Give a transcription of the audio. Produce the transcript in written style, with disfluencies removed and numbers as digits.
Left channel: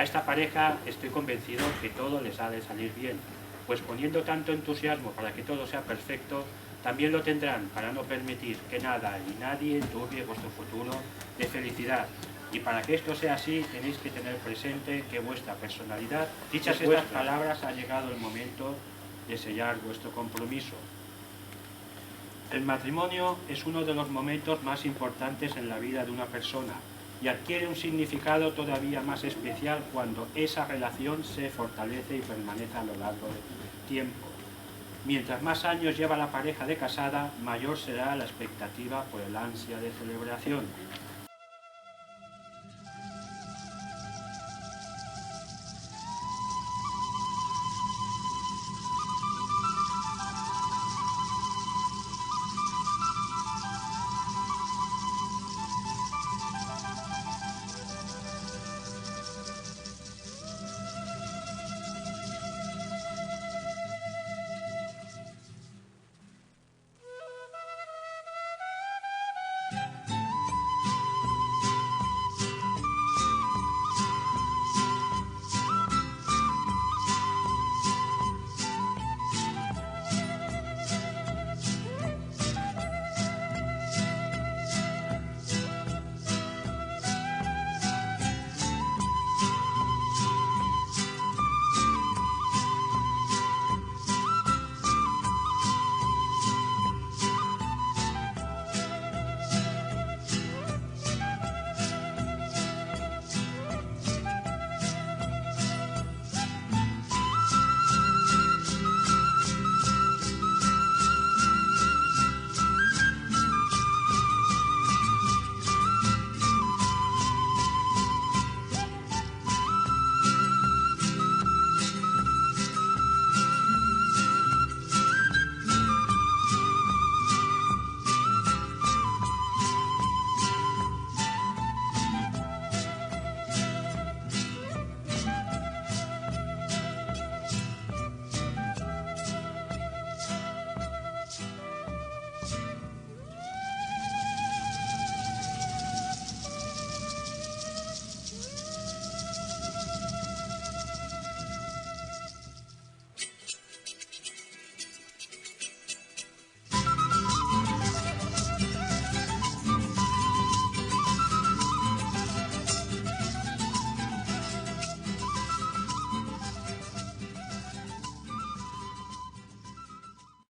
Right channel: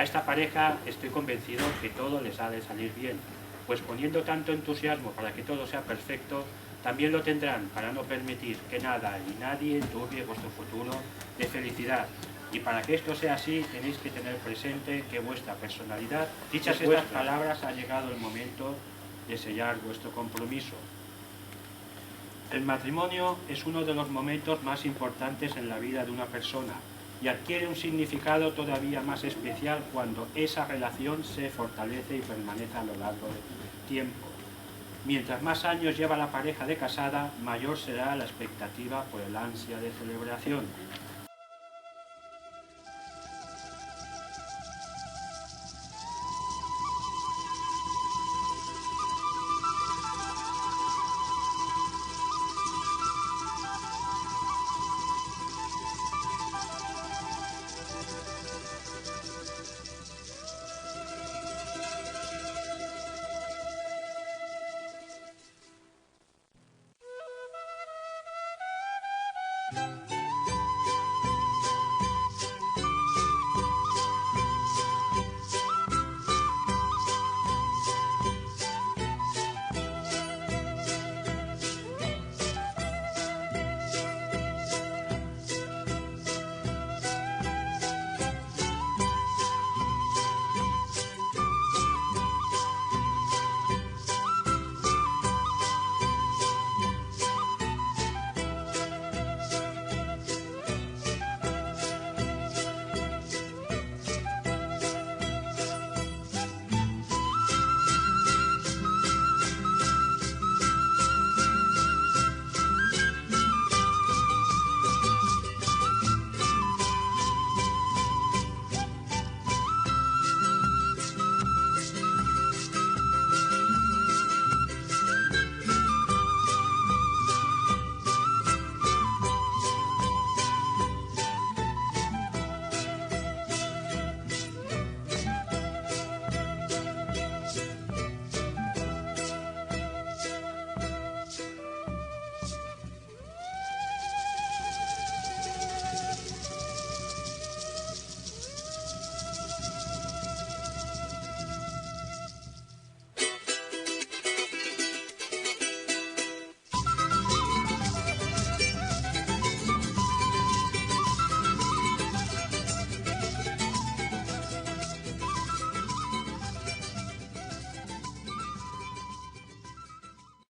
A esta pareja estoy convencido que todo les ha de salir bien, pues poniendo tanto entusiasmo para que todo sea perfecto, también lo tendrán para no permitir que nada ni nadie enturbie vuestro futuro de felicidad. Y para que esto sea así, tenéis que tener presente que vuestra personalidad, dichas estas palabras, ha llegado el momento de sellar vuestro compromiso. El matrimonio es uno de los momentos más importantes en la vida de una persona y adquiere un significado todavía más especial cuando esa relación se fortalece y permanece a lo largo del tiempo. Mientras más años lleva la pareja de casada, mayor será la expectativa por el ansia de celebración.